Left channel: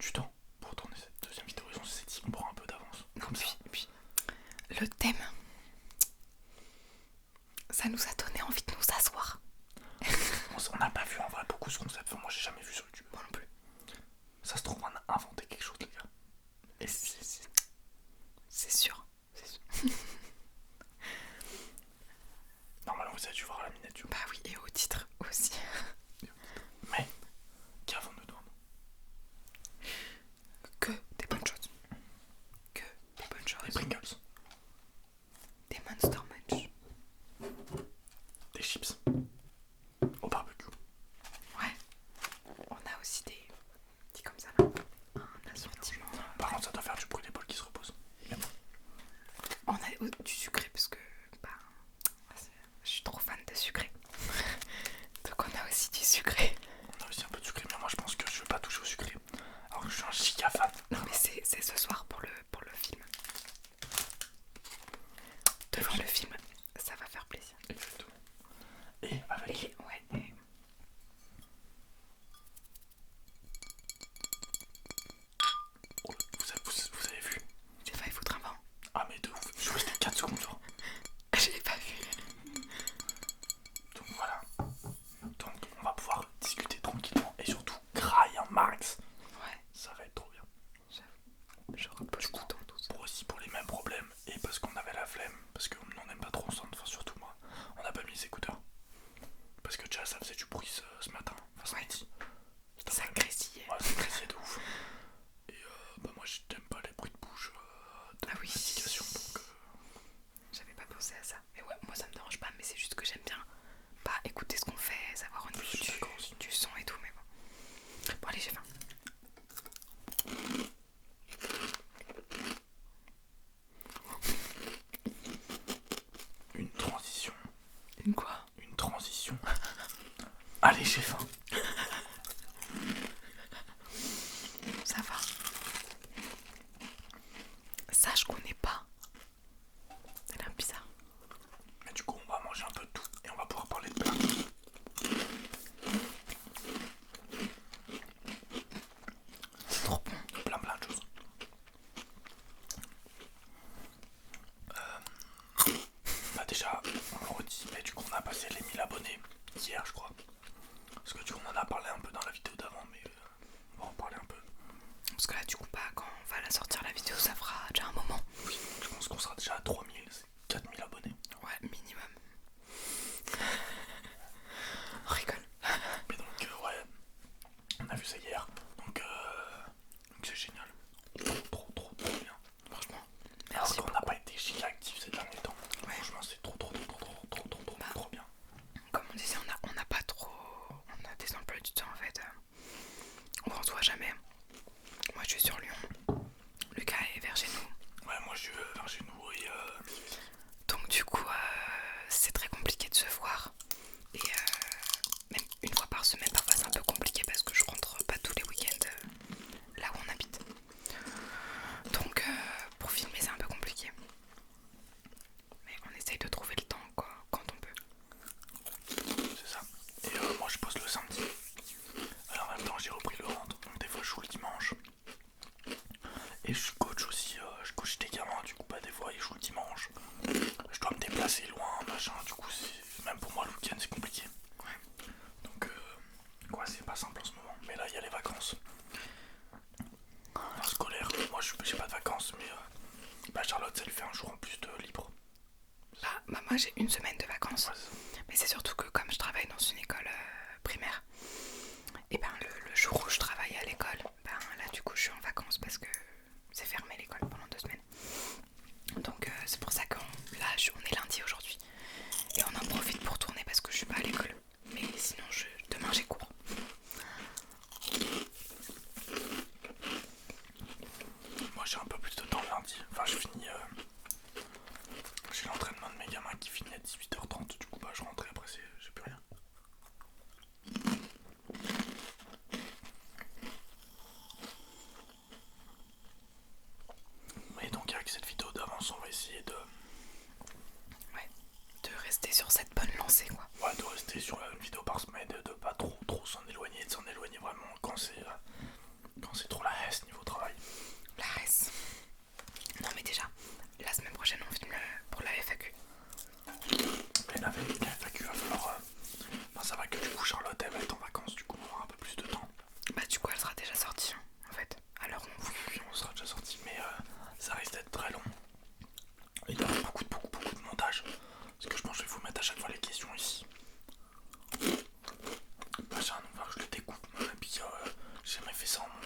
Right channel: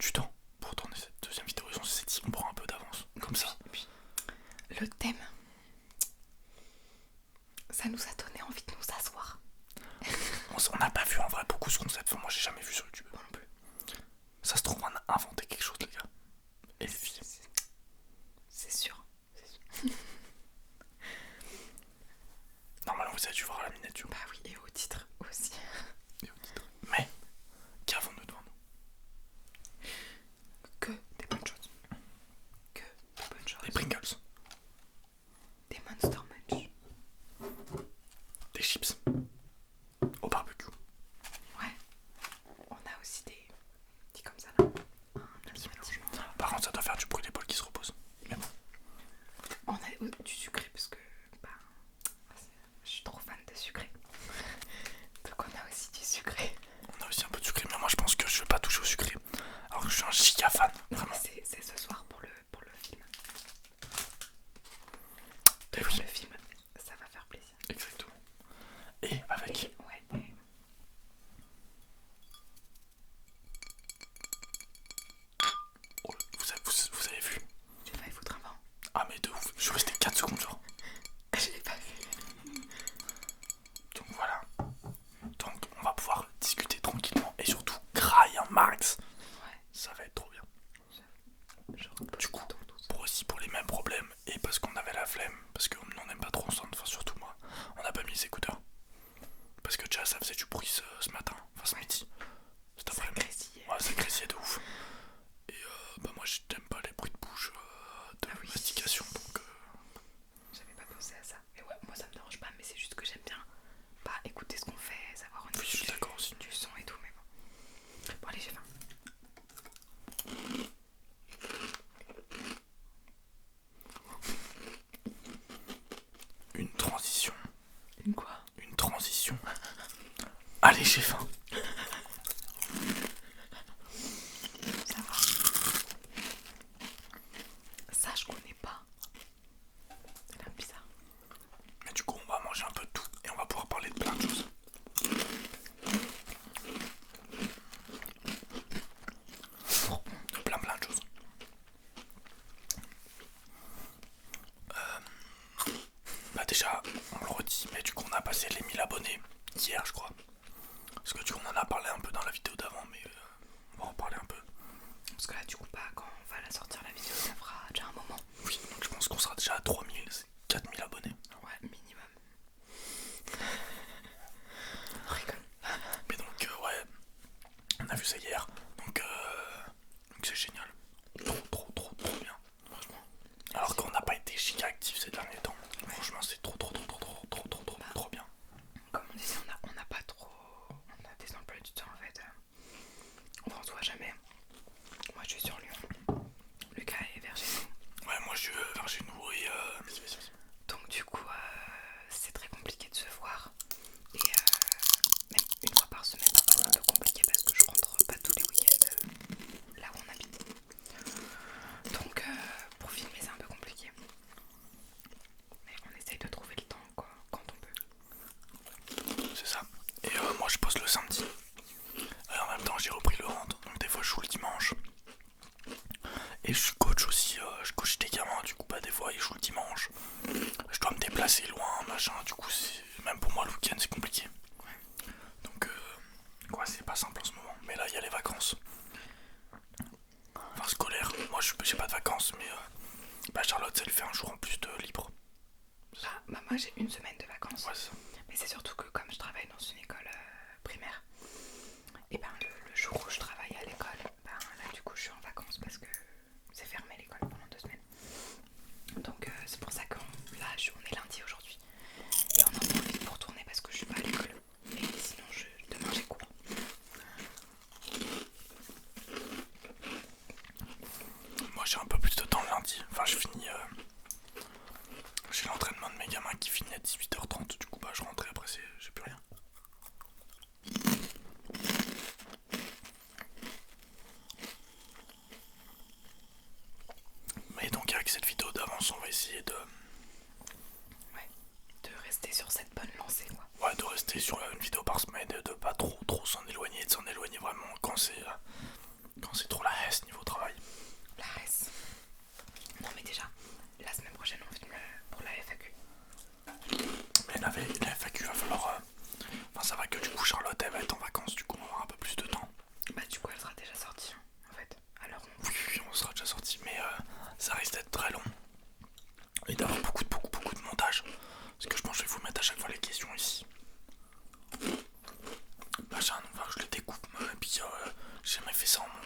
du temps pour tourner cette deuxième vidéo. Ils ont s'est dit on prend un peu d'avance. Comme ça. Et puis, le thème, ça nous a donné envie de nous asseoir. On n'a pas vu en vrai beaucoup ce concept. Enfin, moi j'ai jamais vu sur YouTube. Moi non plus. Ça se trouve, on a inventé quelque chose, les gars. Et C'est sûr. normalement, vous avez dû voir la miniature. Bah oui, et au titre aussi. Mais, qu'avons-nous devant nous? Que des bonnes choses. Que des bonnes choses. Des Pringles, Des Monster Munch. des chips, au barbecue. Ouais. On a aussi des comme ça là. Un assortiment. Par contre, ça doit faire du bruit d'épaule qui se repose. Mais bon. On a du sucré parce que bah, je suis trop fan de sucré. Donc on a aussi du sucré. On a aussi un peu de sucré, mais moi je pense que je vais pas toucher au sucré. Alors que je suis un giga fan. Non mais c'est ce soir pour le film. Devant le film, ça va faire plaisir. Exactement. Et avec. Et ouais. Oh, vous avez vu? Tu vas y foutre un vent. Ah, mais de ouf. Je suis resté 4 secondes genre. Je l'ai pas vu. Donc voilà. Donc on va pouvoir discuter tranquillement et surtout grailler un max. Ouais. Ça va être trop bien. Je repose Du coup, tout douce. pour les mêmes problèmes et parce qu'on avait la flemme, parce qu'on n'en aime pas trop ensemble, enfin surtout moi, on n'a pas mis les écouteurs. Parce que déjà ça faisait du bruit ce matin, enfin ce midi. Cet Ça après-midi. grésillait. Ouais, ça grésillait de ouf. Et bah moi j'aime pas les bruits de bouche de Ah oui. mastication, donc J'avais pas pensé à ça. Et ouais, moi ça me dérange pas, mais c'est juste que j'aime bien pas écouter ce qu'on fait, savoir au niveau je suis d'accord aussi. du son et tout, mais bon. Bon allez, j'ai faim. Une transition. Une quoi? Une transition. Allez, j'ai faim. Ça va. Ça je connais pas. Ça a l'air bizarre. Mais du coup on va manger un peu de tout et on va pouvoir parler de plein de choses. Plein de choses. Bah déjà, on le redit, mais du coup on a passé les 1000 abonnés hier je crois. Parce que du coup on en a parlé un peu dans la vidéo d'avant, mais on va en parler un peu. Parce que là du coup bah quand on va la sortir la vidéo ça fera déjà un moment. Oui, donc je pense qu'on sera déjà à 3000, 4000 abonnés. Ouais, minimum. On rigole. Mais donc ouais, on a vu ça hier, donc c'est génial. Trop bien. Franchement. Alors Merci. qu'on n'a pas été giga actifs ces derniers temps. Ouais. Franchement c'est trop bien. Comme on disait, on n'a pas trop. On a des emplois du temps en fait. On se voit jamais. Moi je suis sur Lyon. Lucas est vers chez nous. Ouais, moi je suis vers chez nous et Donc du coup c'est très compliqué de se voir. Et même une fois par semaine parfois c'est un peu compliqué parce que je rentre pas tous les week-ends là où on habite. Donc pour filmer c'est un peu compliqué. Mais on essaye de trouver le temps quoi, quand on peut. c'est ça. Et moi je pose le samedi. Alors, en même temps j'ai repris le hand, donc des fois je joue le dimanche. Et je suis coach aussi, je coach des gamins, du coup bah des fois ils jouent le dimanche. Je dois me déplacer loin, machin, du coup même pour moi le week-end c'est compliqué. Donc ouais c'est pas simple en ce moment. Mais là il y a les vacances. Enfin, scolaire, moi j'ai pas de vacances mais bah Charlotte elle fait un jour en plus de libre. Bah moi j'ai une semaine de vacances. Ouais, ça. Mais c'est surtout que comme je travaille dans une école primaire, et ben le jour où je travaille à l'école, ben là du coup je suis en vacances parce que c'est fermé l'école pendant 2 semaines. Donc c'est pour ça qu'on on est lundi aujourd'hui. Et on en profite pour tourner parce que je suis pas à l'école. Mais sinon demain j'ai cours. Moi j'ai un peu plus de temps le lundi. Enfin je finis. J'ai l'entraînement de mes gamins qui finit à 18h30. Du coup bah je rentre et après j'ai plus rien. Mais donc avec cette vidéo d'avance on va essayer de Rester sur cette bonne lancée quoi. Ouais, de rester sur une vidéo par semaine et de pas trop s'en éloigner, de s'en éloigner vraiment quand c'est trop la haine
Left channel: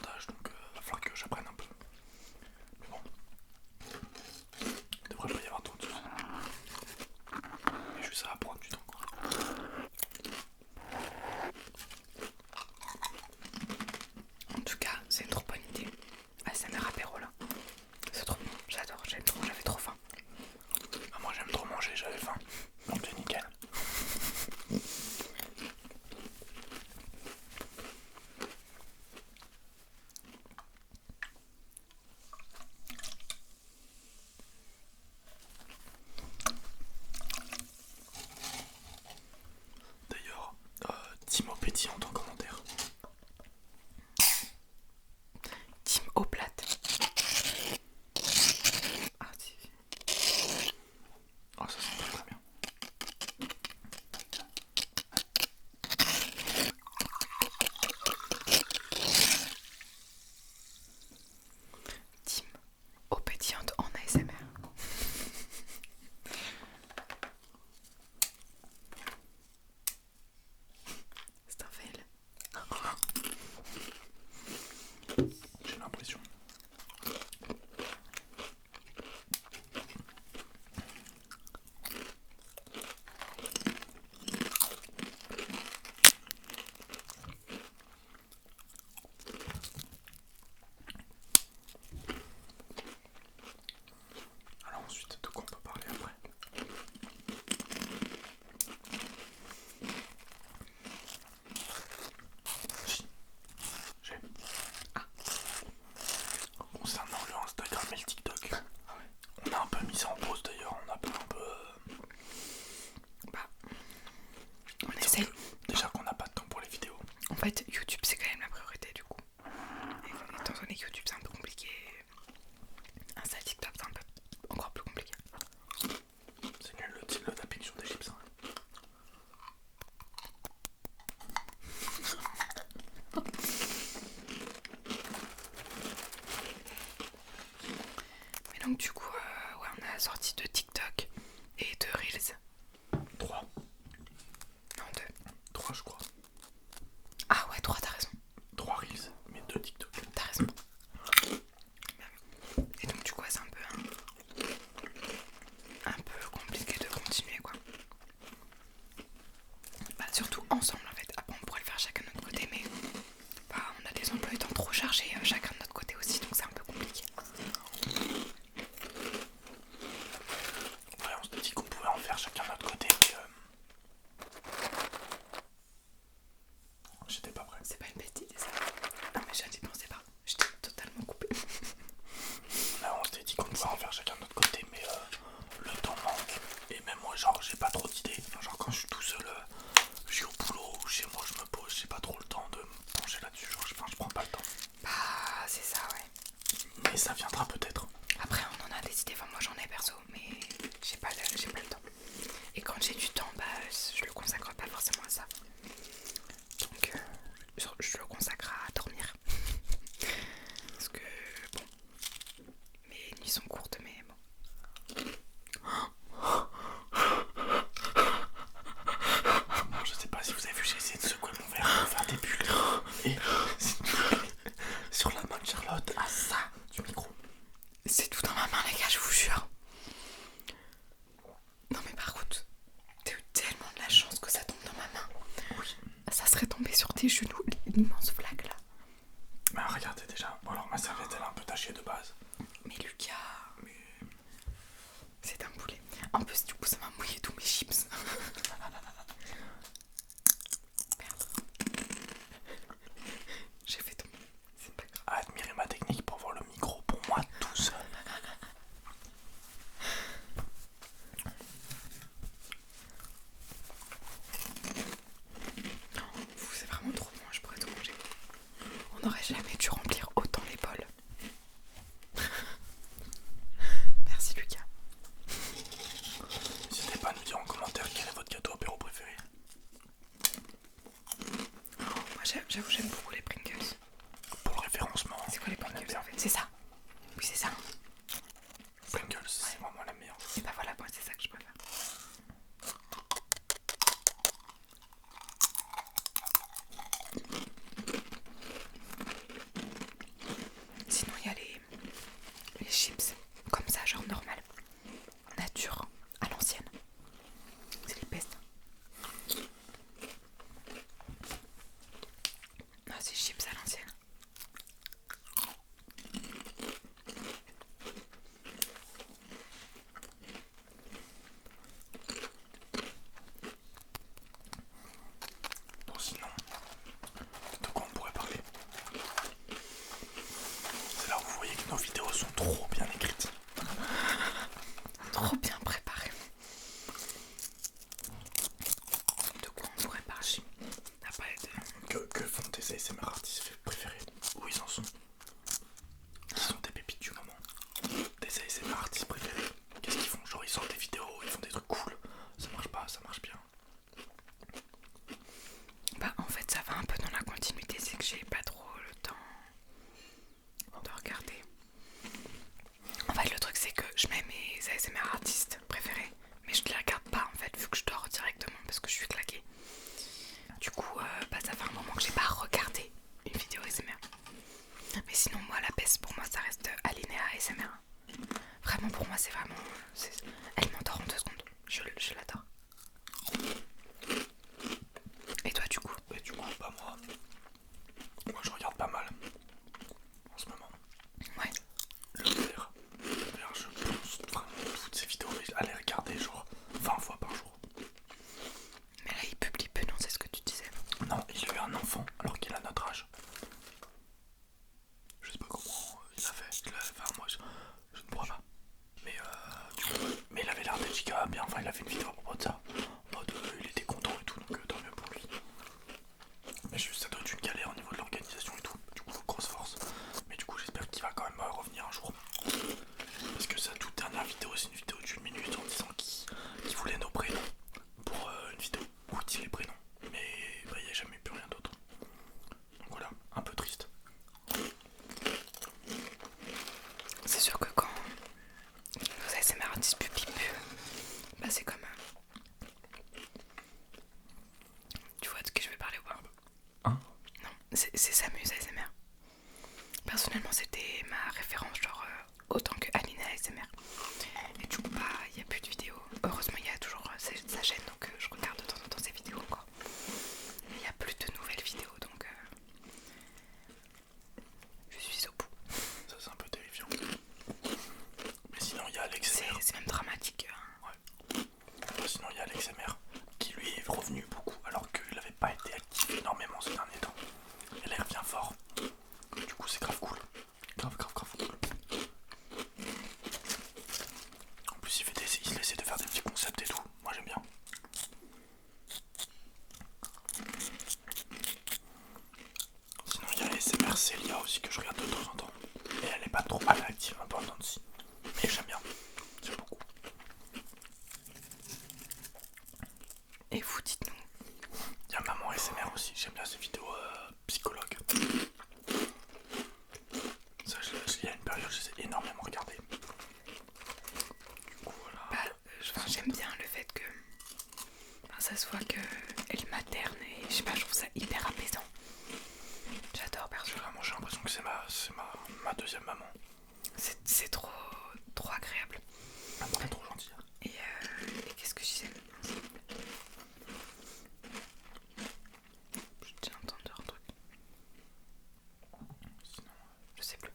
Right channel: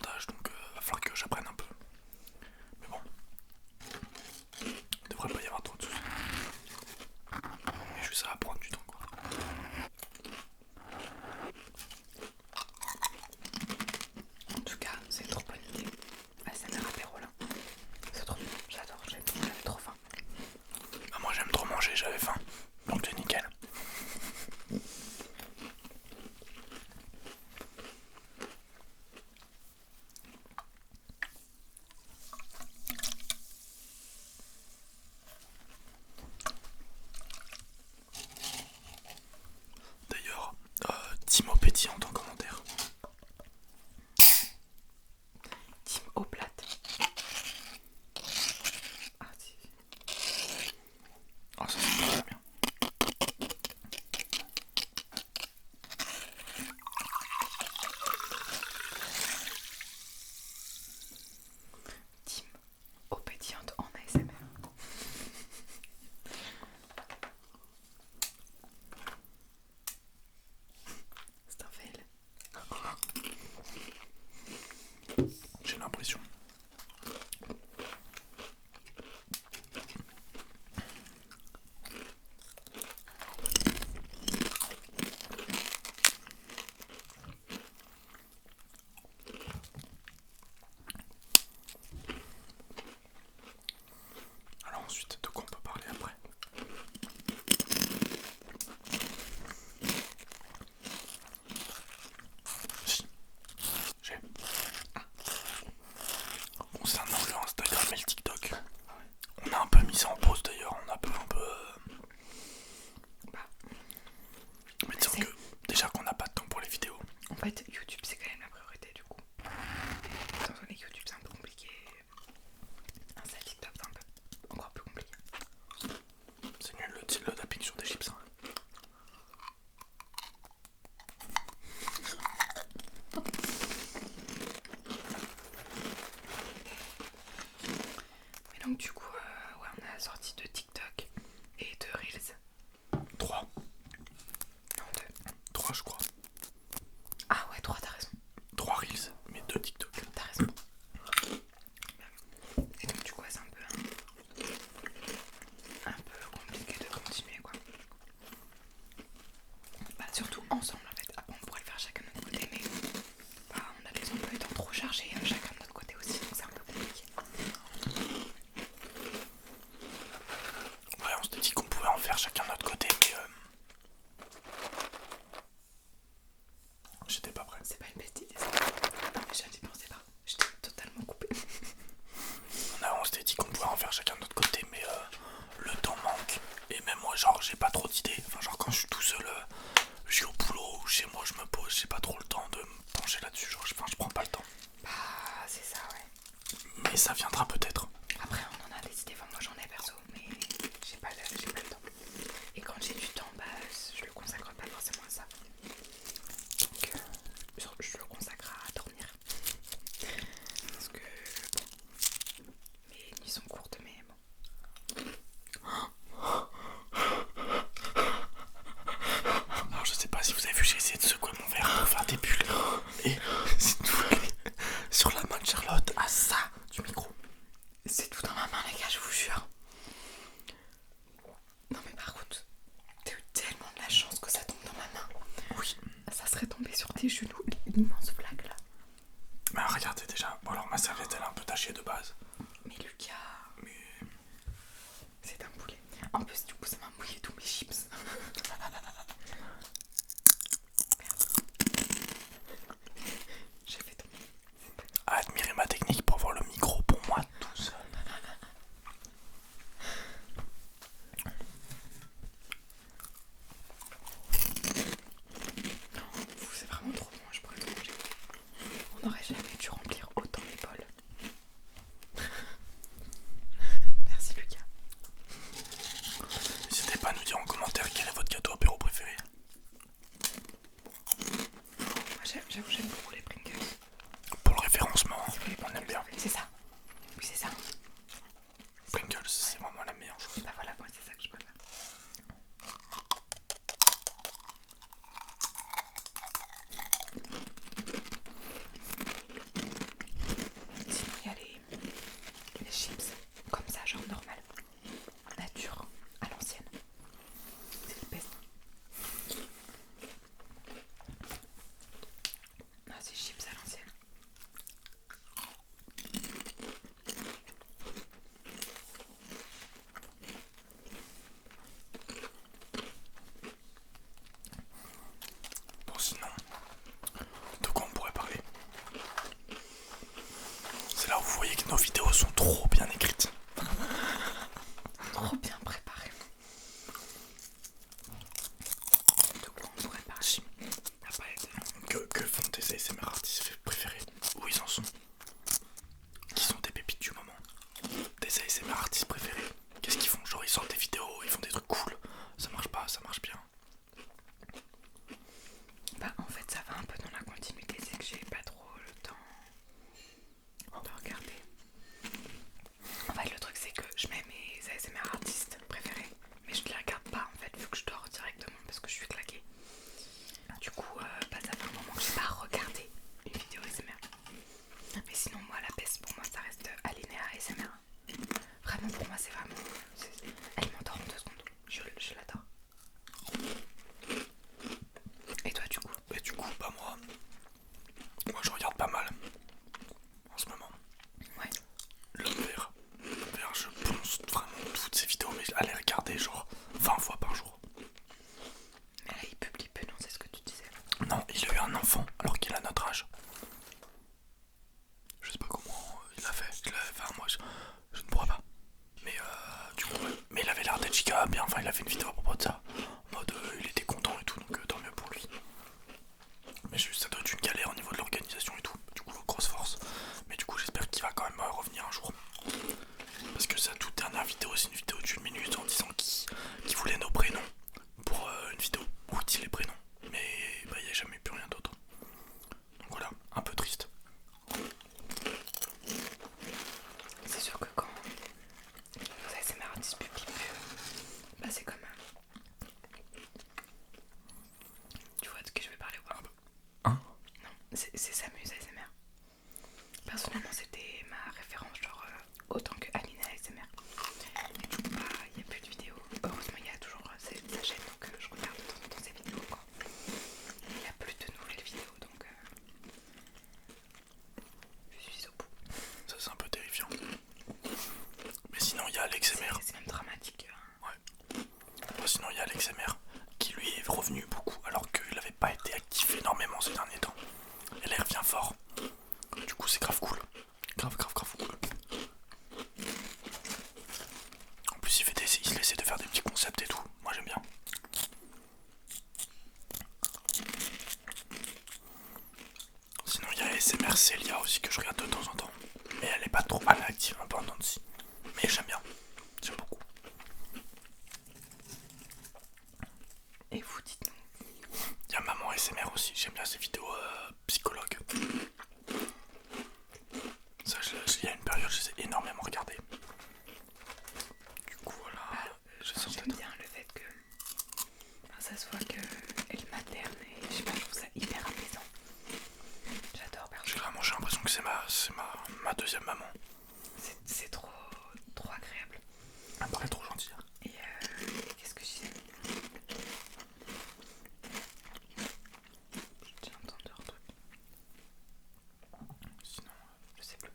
montage, donc va falloir que j'apprenne un peu. Mais bon, il devrait pas y avoir trop de soucis. Mais juste ça va prendre du temps quoi. En tout cas, c'est une trop bonne idée. ASMR apéro là. C'est trop bon, j'adore, j'avais trop faim. Ah, moi j'aime trop manger, j'avais faim. Donc c'est nickel. D'ailleurs, Timo pétillante en commentaire. Team eau plate. Ah si. Oh ça c'est très bien. Team eau pétillante en ASMR. C'est un fail. J'ai l'impression. Alors ensuite, de quoi on peut parler après? Si, j'ai. Concernant le Instagram et le TikTok, on a un peu mis ça en pause d'ailleurs, on a un peu... Bah, on va dire essaie. que déjà qu'on n'a pas de temps pour les vidéos. En fait, YouTube c'est quand même la priorité du coup. Étant donné que YouTube c'est un peu compliqué, Insta TikTok c'est un peu encore plus compliqué. C'est nul le tapping sur des chips. Hein. Mais donc du coup, ouais, on a sorti de TikTok et de Reels. 3. Non, 2. 3 je crois. Ah ouais, 3, t'as raison. 3 Reels, mais 2 TikTok. T'as raison. Et donc du coup, ouais, c'est un peu compliqué de continuer quoi. Bah, surtout ensemble en fait. Après on pourrait le faire chacun de notre côté, mais bah, on a des emplois du temps trop chargés chacun de notre côté aussi, donc c'est un peu compliqué. Ouais, on s'était dit qu'on pouvait en faire chacun de notre côté, mais j'étais pas prêt. C'est pas une bête idée ça. Non mais je n'y pensais pas. J'étais totalement coupée. On s'était dit qu'on pouvait en faire chacun de notre côté, mais le temps manque. Et même moi, genre, j'ai pas trop d'idées. Enfin, genre, quand je suis tout seul, je suis au boulot ou chez moi, je me pose, j'ai pas trop le temps de me pencher là-dessus. Genre, je prends pas le temps. Bah, c'est ça, ouais. Mais ça viendra peut-être. Après, on en a des idées. Enfin, moi j'en ai perso, mais j'ai pas le temps. Et quand j'ai du temps, bah, je le consacre pas forcément à ça. Donc, je le consacre à dormir. Parce que, bon, mes nuits sont courtes, mais bon. Alors, je sais pas si vous avez vu, j'ai essayé de secouer mon verre pour faire des bulles. Et c'est tout sur la main de Charlotte, à ça du micro. C'est tout dans ma main, les gars, je vous jure. Non, mais par contre, t'as eu tellement de la chance que ça tombe dans ma main. Oui. Ça serait tombé sur tes genoux, l'immense flaque là. Bah, regardez déjà. Bon, alors ma serviette, elle est un peu tachée de base. Mais Lucas, Mais c'est un boulet. En plus, du coup, ça m'a mouillé tous mes chips. Merde. J'ai fait tomber. C'est pas grave. admirez ma technique pour voir le micro pour moi tout seul. C'est vraiment trop bon, je pourrais tout manger. On n'aurait jamais dû remplir autant les bols. Merci Lucas. N'hésitez pas à nous dire en commentaire quel est votre gâteau apéro préféré. Moi j'aime beaucoup les Pringles. Pour le référencement, C'est quoi les on aime Pringles bien. en fait? C'est ça. Oui, c'est ça. Pringles, c'est vraiment la meilleure. Et bah voilà, moi c'est ça que je préfère. sont trop bien écrites. Trop bien préparé. De quoi on pourrait parler après Que font tes ASMR artistes préférés? Où ils en sont? Qui sont tes pépites du moment? Tes ASMR artistes préférés? Qu'est-ce qu'ils font? Genre ils sortent des vidéos, ils font des trucs cool. Ça marche pas, ça marche bien. Bah en fait ça va un peu dans la continuité, c'est que j'ai pas trop le temps de regarder. En fait le truc c'est que je mets mes ASMR artistes préférés, mais je les regarde pas en fait vu que je dors directement parce que je suis claquée. Du coup bah, ça fait un moment que j'ai pas regardé une vidéo ASMR. Mais sinon moi la peste pour moi ça reste Alinea ASMR. Vraiment pour moi c'est vraiment... Elle m'endort en 2 secondes, je l'adore. Et toi du coup? Et du coup bah moi je regarde pas mal en ce moment. Ouais. Le verre, je pense vraiment toutes ces vidéos à les regarder genre 20 fois par jour. Mais là il publie peu, non, c'est ce que tu disais. Non, il a eu un enfant alors qu'il a notre âge. Je sais pas comment il a fait. Enfin, moi je ne pourrais pas. Mais du coup, ouais. Mais il avait l'air d'être giga bien. Enfin, il a fait une vidéo à propos de ça. En mode il était content et tout, donc tant mieux pour lui. Mais juste, ça doit être une galère au niveau de l'organisation et tout. Du coup, grosse force. Mais du coup, j'espère qu'il va quand même revenir un jour. Parce que sa toute dernière vidéo, c'est une vidéo d'1 minute en disant qu'il voulait nos prénoms pour une vidéo où il dit les prénoms. Mais bah, il n'y a jamais eu plus rien d'autre. Donc voilà, un peu triste. C'est sûr que quand vous ASMR artistes publient peu, bah c'est comme... Tu vois de ce que je vais parler ou pas? Hein? Non, c'est Samus ASMR. Personnellement c'était ma référence, genre autant que Alinea ASMR. Et du coup bah il n'y a plus de vidéos. Heureusement il y a toujours sa chaîne, donc je regarde de temps en temps ses vidéos quoi. Il n'y a plus de nouvelles vidéos donc je suis au bout. Ça c'est un peu terrifiant. Mais sinon il y a AlexMR. C'est même dramatique. Ouais. Sinon il y a AlexMR qui lui est revenu beaucoup alors qu'il n'avait pas été actif énormément ces derniers temps. Et là il revient fort. Du coup c'est grave cool. Grave cool. En plus il essaie de faire des petits concepts et tout. Moi j'aime bien. Sinon il y a ASMR Celia aussi que je regarde de temps en temps. Et elle est pas trop active un peu en temps de scie. Mais j'aime bien. J'aime beaucoup. Et vous dites-nous. Il y a Maman ASMR aussi. J'aime bien ces vidéos psychologues. Ça, il y a une période, je les ai énormément regardées. Du coup, voilà. Bah, j'aime bien le fait que ça se voit qu'elle materne et je sais pas, je trouve ça hyper apaisant. J'adore perso. Vraiment, j'ai l'impression que c'est ma deuxième maman. C'est trop agréable. Elle est trop gentille. Et qu'est-ce que je disais? J'ai entendu un truc. Sinon, Je sais plus.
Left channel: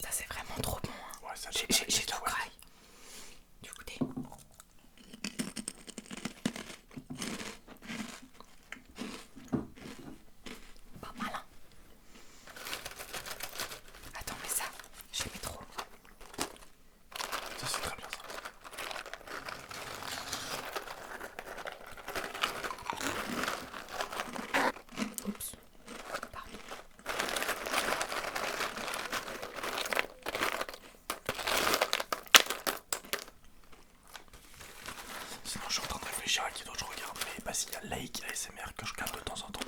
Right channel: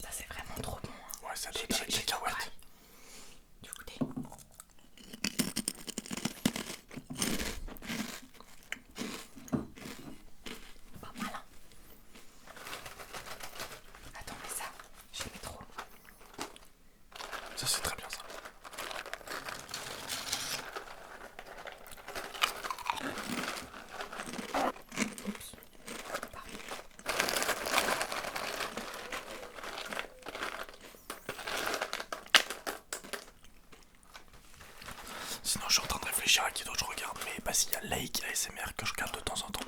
Ça c'est vraiment trop bon. Hein. ouais, ça J'ai les cacahuètes. Du goûter. Pas mal hein. Attends mais ça, j'aimais trop. Ça, c'est très bien ça. Oups. Pardon. Sinon, je suis en train de réfléchir à qui d'autre je regarde. Mais bah, s'il y a Lake ASMR que je regarde de temps en temps.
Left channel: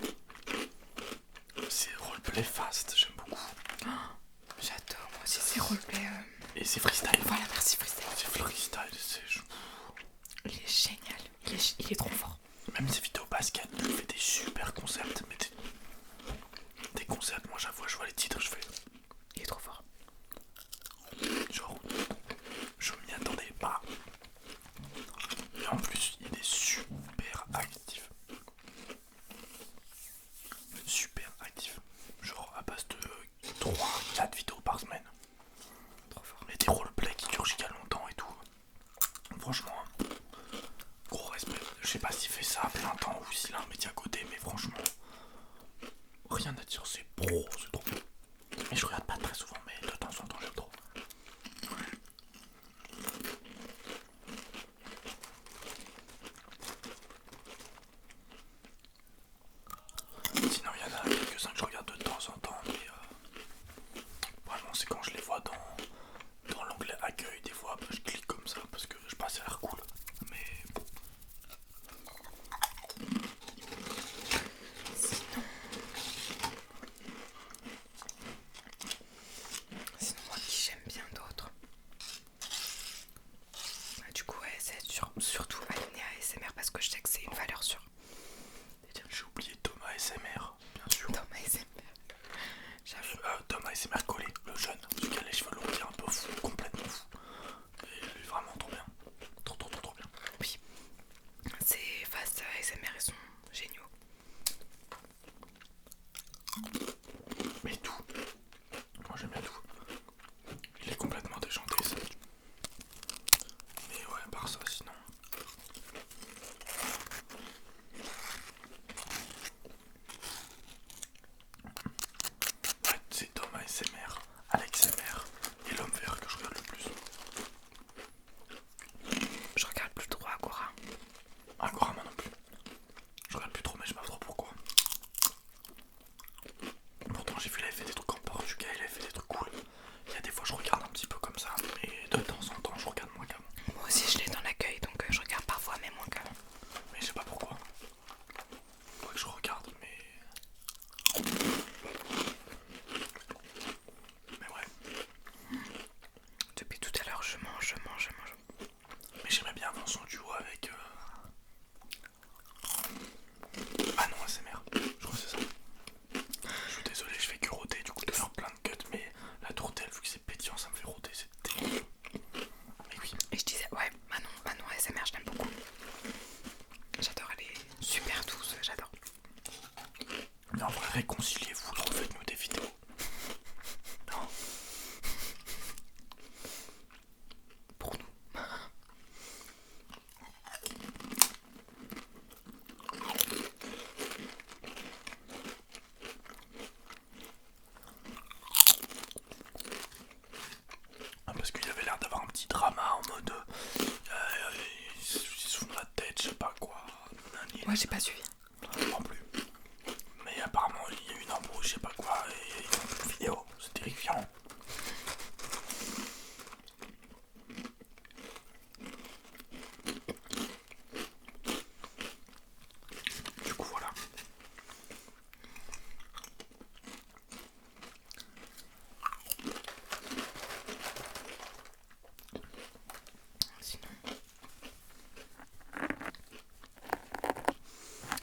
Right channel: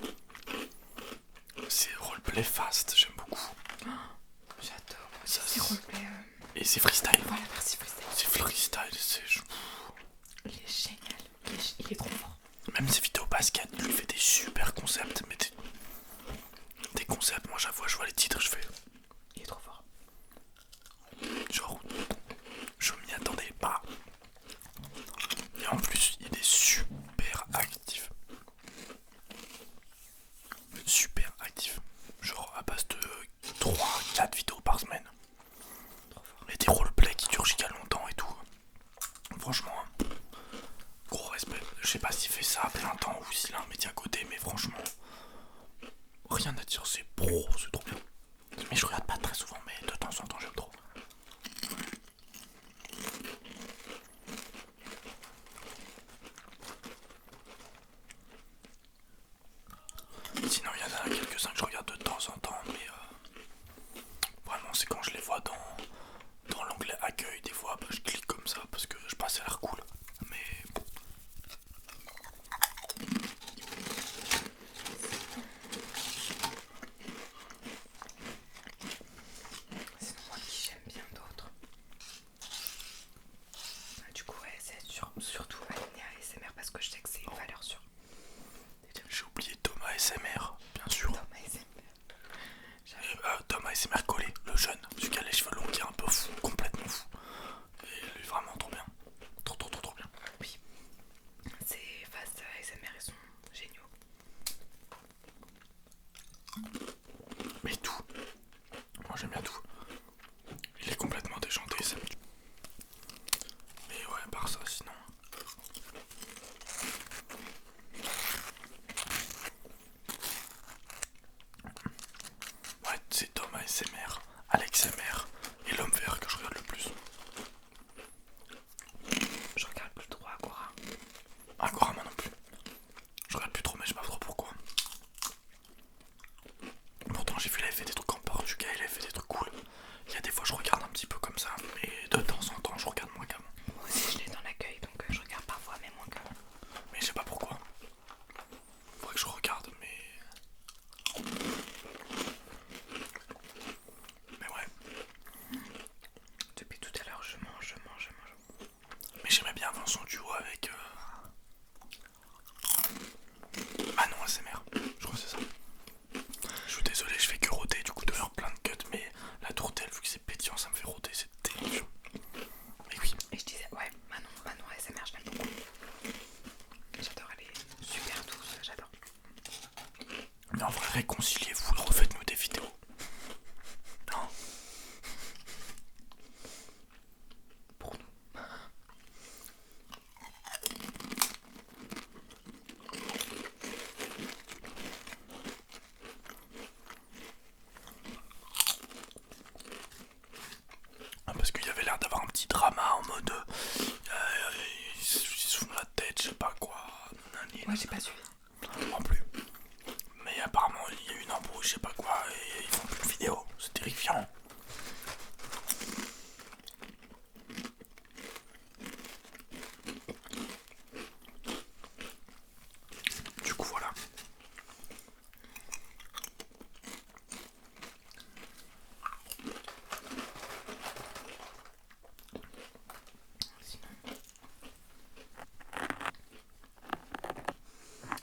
C'est roleplay fast, j'aime beaucoup. J'adore, moi aussi c'est roleplay. Et c'est freestyle. Voilà, merci freestyle. C'est freestyle, Il est génial, il est trop fort. Même ses vidéos basket, il fait des super concepts. Mais des concepts, moi j'avoue, je vois les titres, je fais. Il est trop fort. Genre, je m'y attendais pas. Et en plus, il est super actif. Super actif. Genre, à base de 3-4 vidéos Oh, c'est trop bien. Mais je regarde pas très souvent, mais de temps en temps j'aime trop. Sinon il y en a quelques-uns que je regarde de temps en temps, mais vraiment c'est quand je les vois dans l'onglet accueil, des fois bah, je clique comme ça parce que je pense que ça a l'air cool. Mais sinon moi qui j'aime bien d'autres. Du coup ouais, c'est surtout aligné à ASMR parce que je sais que c'est une valeur sûre. j'ai oublié Thomas ASMR, bien sûr. Thomas ASMR. Thomas ASMR collé, le jeune, celui qui a les cheveux longs, qui est un peu fou, complètement fou. Et lui vraiment trop bien. Trop bien. Oui, ces phases ASMR ils sont géniaux. Mais tout. Moi j'aime bien tout. Il est complètement déjanté ça. Mais ouais, à part ça sinon. Ouais, c'est Thomas ASMR, Alex ASMR et l'homme vert que je regarde le plus. Je regarde plus trop Agora. Agora moi non plus. Je regarde plus trop mais je sais pas trop pourquoi. Pourtant j'ai vu il avait fait des trucs en Portugal, il avait fait des trucs cool. Il y a des fois je regarde un petit peu comme ça, mais de temps en temps je regarde moins qu'avant. Moi aussi je l'ai dans l'accueil donc je regarde parfois mais moins qu'avant. Mais je sais pas pourquoi. Faudrait que je regarde mais... Mais ouais. Depuis tout à l'heure je mange. Mais j'aimais bien avant son duo avec... Manon ASMR, je crois que c'est ça. Je suis désolé, je fais que rôter, du coup de faire plein de cuts, mais la tourtelle, vu que c'est pétillant, ça me fait rôter, c'est terrible. Mais oui. Et je disais, ouais, Manon ASMR, je l'aime beaucoup. J'adore, elle est super douce, j'adore. Mais en vrai, réconciliez-vous, refaites-nous des vidéos. Non. Pour nous. Parce qu'il y avait l'air d'avoir un petit drama en mode... ils se font la tête, je sais pas quoi. Moi j'ai pas suivi. Non plus. Mais apparemment, il y a eu une embrouille, je sais pas quoi, et ils font plus de vidéos. C'est terrifiant. Du coup, voilà.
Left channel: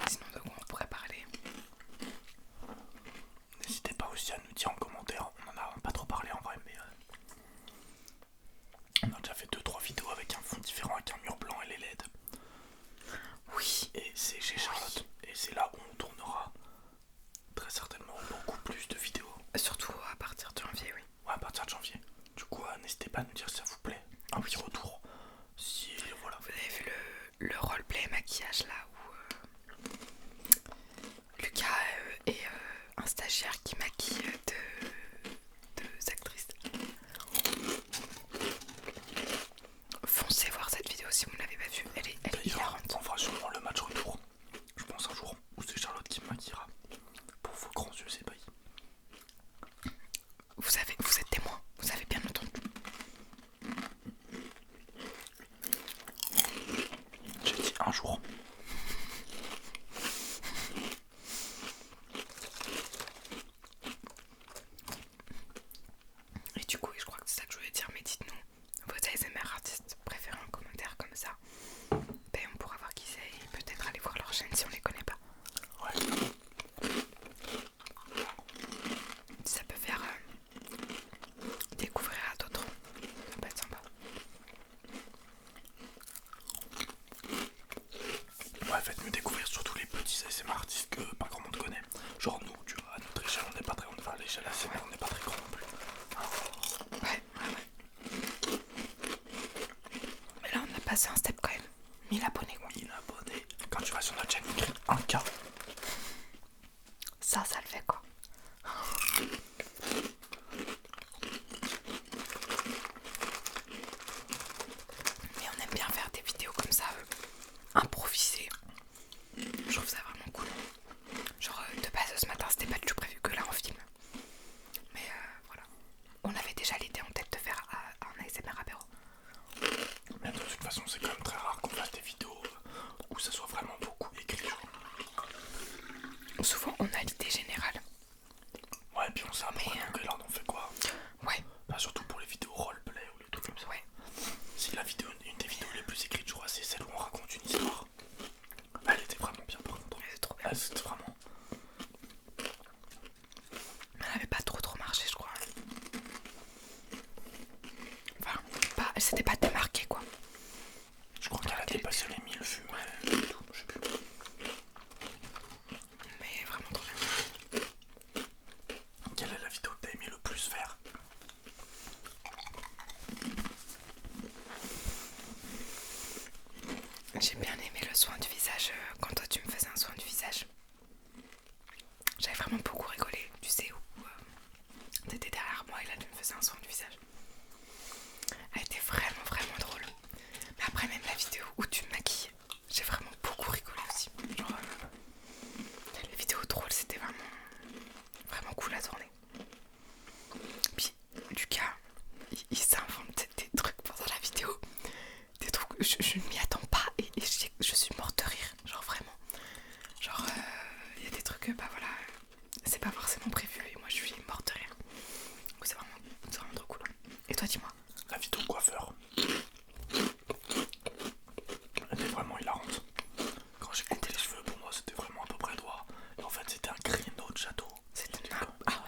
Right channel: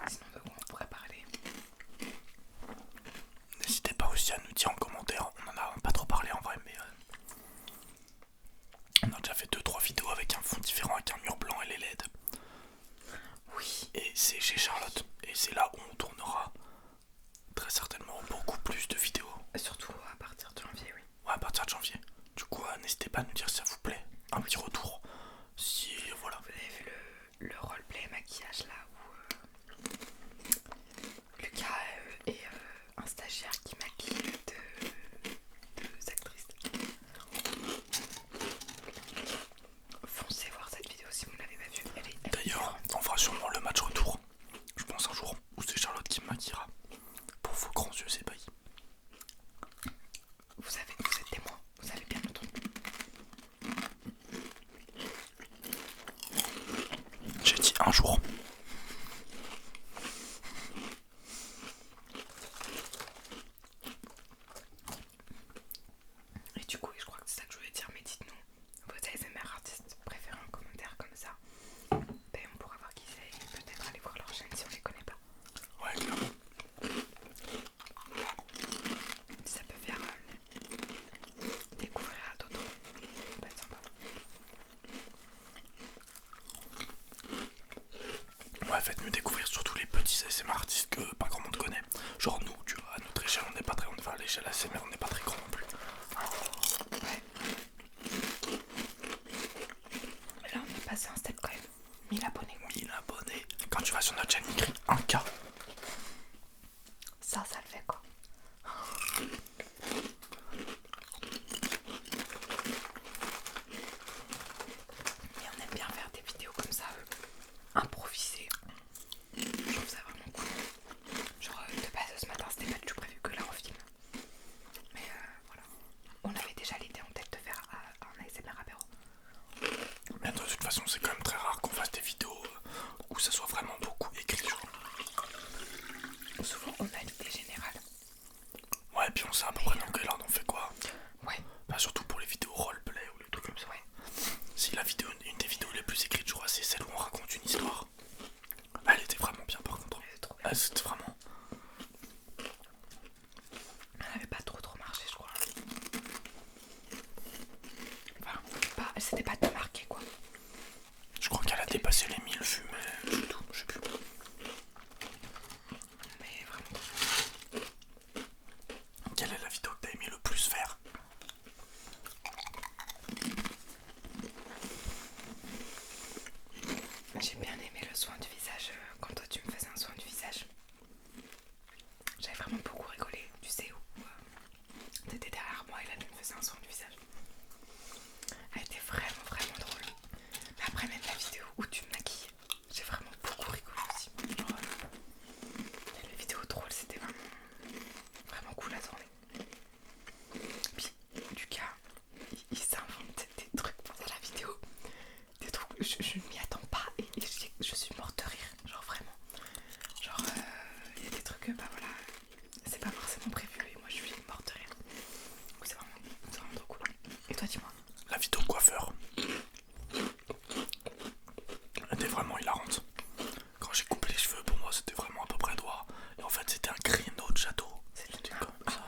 Sinon de quoi on pourrait parler? N'hésitez pas aussi à nous dire en commentaire, on en a pas trop parlé en vrai, mais on a déjà fait 2-3 vidéos avec un fond différent, avec un mur blanc et les LED. Oui. Et c'est chez Charlotte, et c'est là où on tournera très certainement beaucoup plus de vidéos. Surtout à partir de janvier, oui. Ouais, à partir de janvier. Du coup, n'hésitez pas à nous dire si ça vous plaît. Un petit retour. Si, voilà. Vous avez vu le roleplay maquillage là où Lucas est un stagiaire qui maquille deux actrices. Foncez voir cette vidéo si vous ne l'avez pas vue, elle est D'ailleurs, différente. on fera sûrement le match retour. Je pense un jour où c'est Charlotte qui me maquillera. Pour vos grands yeux ébahis. Vous êtes témoin, vous avez bien entendu. J'ai dit un jour. Et du coup, je crois que c'est ça que je voulais dire, mais dites-nous vos ASMR artistes préférés en commentaire comme ça. Ben, on pourra voir qui c'est et peut-être aller voir leur chaîne si on les connaît pas. Ouais, clairement. Ça peut faire découvrir à d'autres. Ça peut être sympa. Ouais, faites-nous découvrir surtout les petits ASMR artistes que pas grand monde connaît. Genre nous, tu vois, à notre échelle, on n'est pas très... Enfin, à l'échelle ASMR, on n'est pas très grand non plus. Ouais. Mais là, on a passé un step quand même. 1000 abonnés. 1000 abonnés. Quand tu vas sur notre chaîne, écrit 1K. Ça le fait quoi. puis on sait à peu près dans quel ordre on fait quoi. Ouais. Bah, surtout pour les vidéos roleplay ou les trucs comme ça. Ouais. Si la vidéo, une des vidéos les plus écrites, je crois, c'est celle où on raconte une histoire. Elle était vraiment bien par contre. C'est trop bien. C'était vraiment. Elle avait pas trop marché, je crois. Enfin, pas, c'était pas démarqué quoi. Je crois qu'elle a dépassé les 1000 vues, mais tout, je sais plus. Mais vraiment trop bien. Quelle est la vidéo que t'as aimé le plus faire? J'ai bien aimé le soin du visage quand toi tu me faisais un soin du visage. J'avais vraiment beaucoup rigolé, tu sais où t'étais derrière moi et là tu me faisais un soin du visage. Elle était vraiment drôle. Mais après même la vidéo où tu me maquilles, j'ai vraiment beaucoup rigolé aussi. Genre, les vidéos drôles c'était vraiment cool à tourner. Puis Lucas, il s'invente des trucs pendant la vidéo. Des trucs, je ne m'y attends pas et je suis morte de rire, genre vraiment. Genre, il y a des trucs, bah voilà, c'est pas forcément prévu et moi je suis morte de rire. Donc c'est vraiment trop cool. Et toi, dis-moi. La vidéo coiffeur. Elle était vraiment hilarante. Quand j'ai coupé les cheveux, pour moi c'était vraiment à peu près droit. Et en fait c'était un créneau de château. C'était comme ça.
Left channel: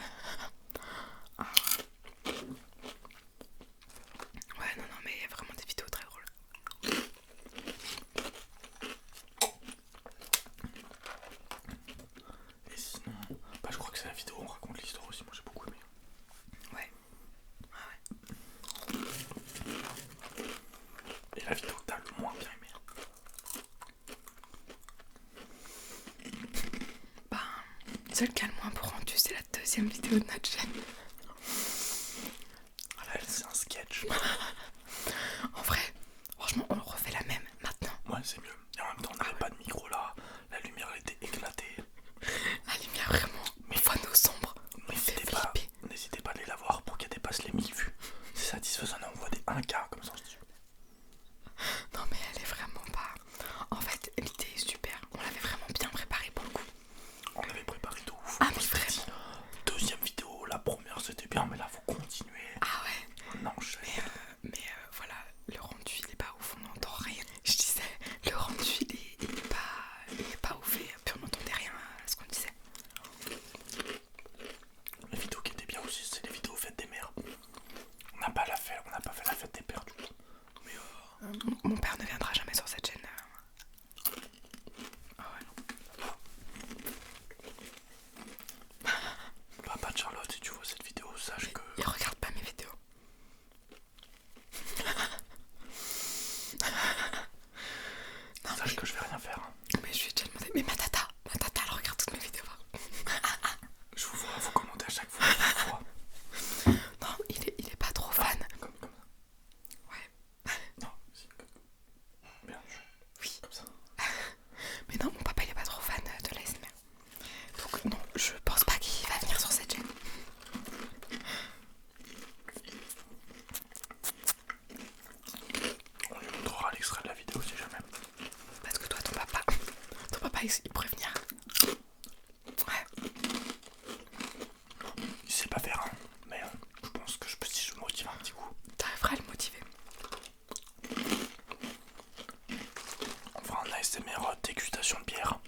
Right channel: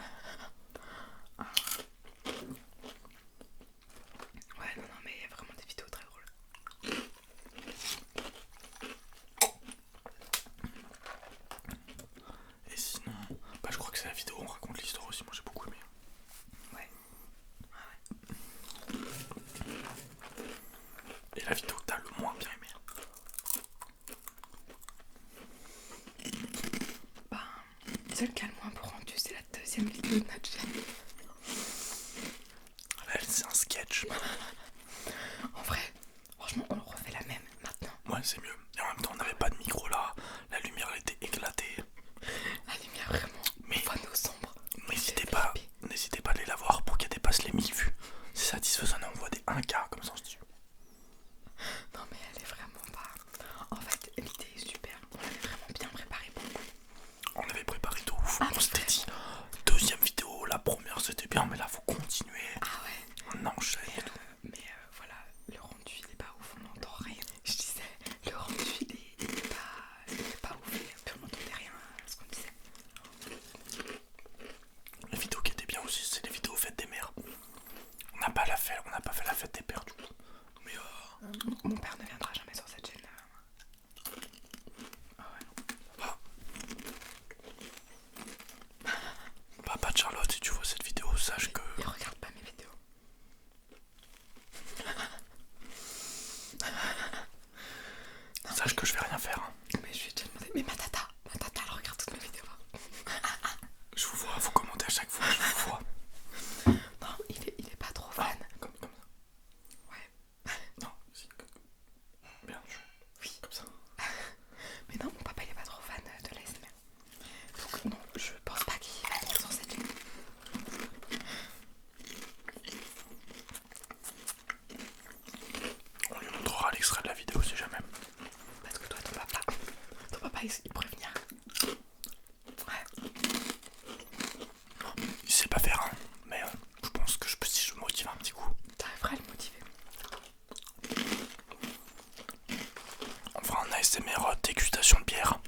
Ouais, non, mais il y a vraiment des vidéos très drôles. Et sinon, bah je crois que c'est la vidéo où on raconte l'histoire aussi, moi j'ai beaucoup aimé. Ouais. Et la vidéo que t'as le moins bien aimé. Bah, celle qui a le moins pour rendu, c'est la deuxième vidéo de notre chaîne. Elle c'est un sketch. En vrai, franchement, on refait la même maintenant. Ouais c'est mieux. Et en même temps on n'avait pas de micro là. La lumière elle était éclatée. La lumière vraiment, Mais nos sombres. N'hésitez pas à aller la voir pour qu'elle dépasse les 1000 vues. C'est satisfaisant, on voit des 1K comme ça on se dit. Non mais elle est vraiment pas... En fait, l'idée est super. On l'avait vraiment bien préparée pour le coup. On avait préparé de ouf. Ah, On s'était dit, deuxième vidéo, la première c'était bien, mais là faut continuer. Ah ouais. On enchaîne. Mais voilà, le rendu il est pas ouf, on n'entend rien. Je disais, le rendu il est pas ouf et puis on n'entendait rien à ce qu'on disait. Les vidéos qui étaient bien aussi, c'est les vidéos fêtes des mères. On n'a pas fait la fête des pères du coup. Mais Mon père ne viendra jamais sur cette chaîne. Ah ouais, non. Papa de Charlotte, si tu vois cette vidéo, sache que. Il regarde pas mes vidéos. Sache que je vais rien faire. Hein. Mais je lui ai déjà demandé. Mais ma tata, elle regarde toutes mes vidéos. Je vous vois, vous commentez à chaque fois, je vous vois. Non, il est pas trop fan. Comme ça. Ouais. Non, si, bien. Oui. Comme ça. Mais non, mon papa il est pas trop fan de l'ASMR. Donc non, je pense pas qu'il va venir sur cette chaîne. On lui montrera l'extrait de la vidéo si jamais. Parce que toi, ton papa il pourrait venir. Ouais. Il sait pas faire, hein, mais je pense que si je me motive un petit coup. T'arriveras à le motiver. On fera un ASMR dégustation de bière.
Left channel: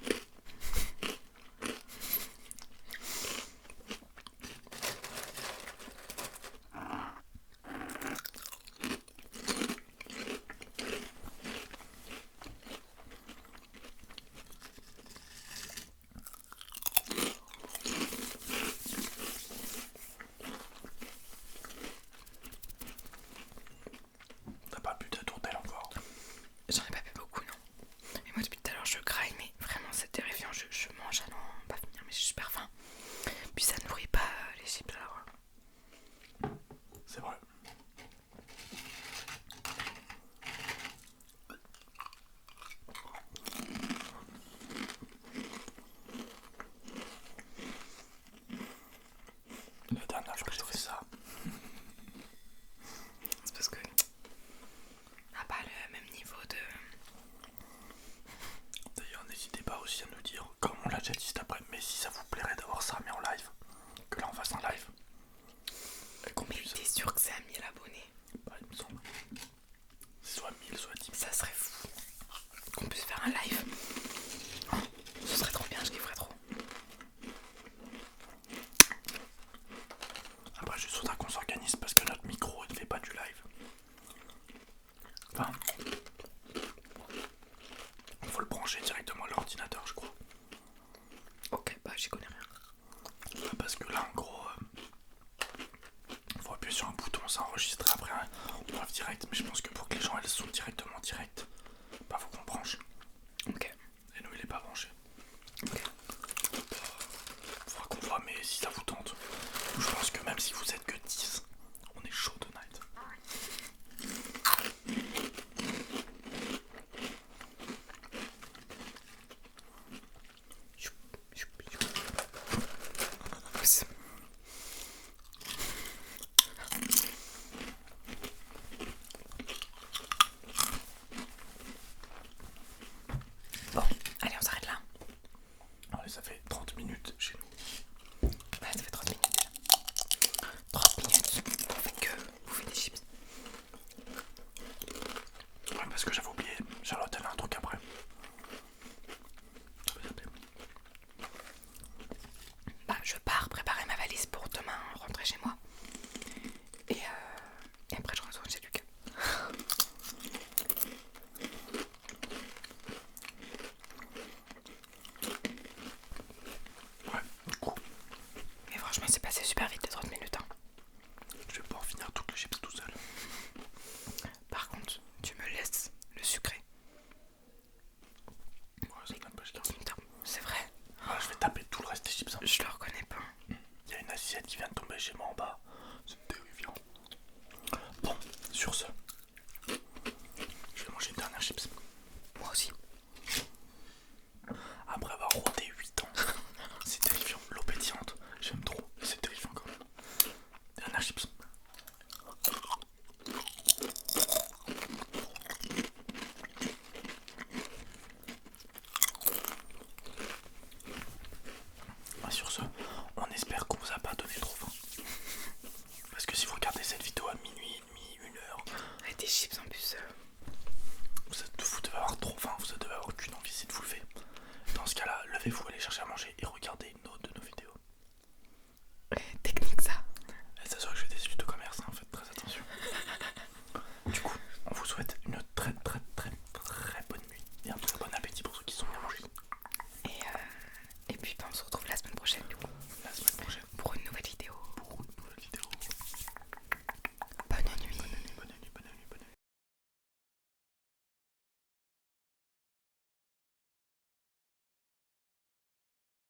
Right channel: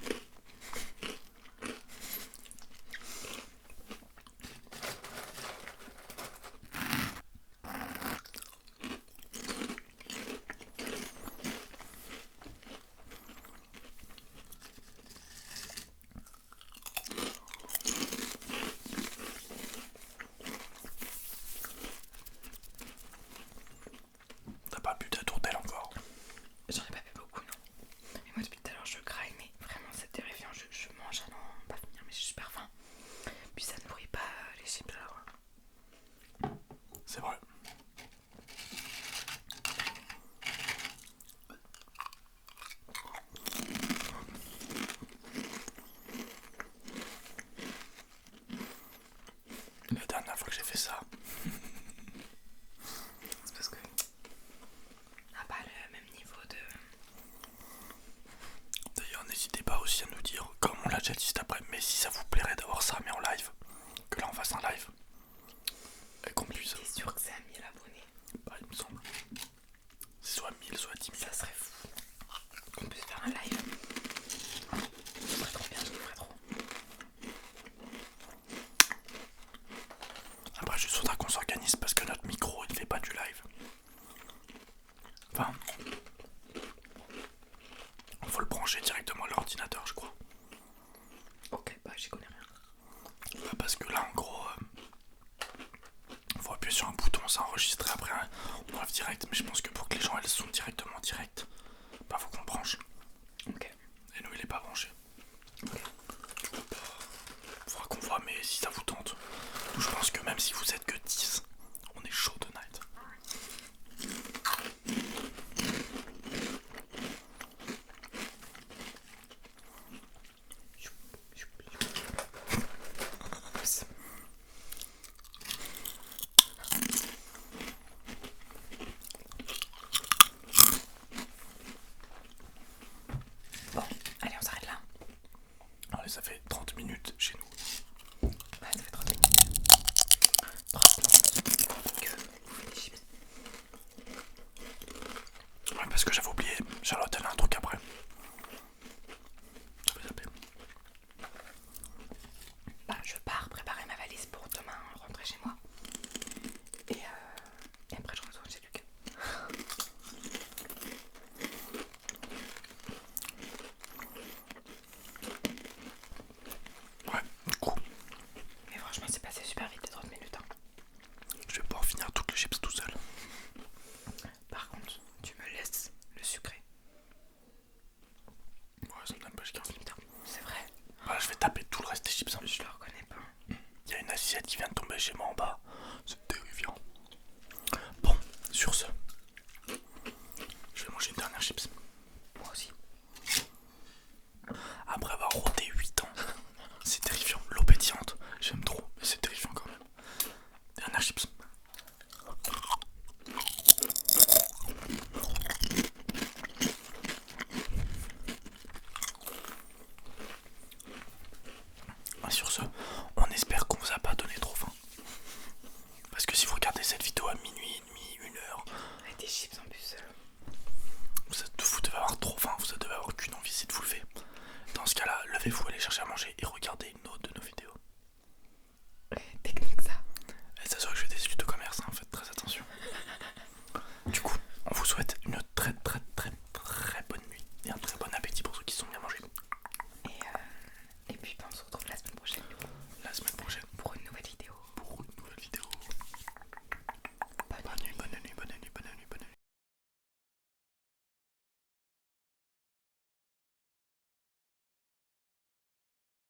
commence à enregistrer après on live direct, mais je pense que pour que les gens elles sont directement direct, bah faut qu'on branche. Ok. Et nous il est pas branché. Ok. Faudra qu'on voit, mais si ça vous tente. Je pense que même si vous êtes que 10, on est chaud tonight. Bon, allez, on s'arrête là. Allez, ça fait 30 minutes chez nous. Ouais, ça fait 30 minutes. 30 minutes. Que vous faites des chips. Ouais, parce que j'avais oublié, Charlotte elle a un truc après. Bah, je pars préparer ma valise pour demain rentrer chez moi. Et après je retourne chez Lucas. Ouais, du coup, Mais franchement c'est passé super vite les 30 minutes. Hein. je vais pouvoir finir toutes les chips tout seul. Par contre, tu me laisses le sucré. Ouais, ça me donne pas jusqu'à. C'est vrai. Voilà, je vais taper tout le reste des chips. Je le reconnais pas. Il y a une assiette qui vient de tomber chez moi en bas. C'est terrifiant. Bon, sur ce,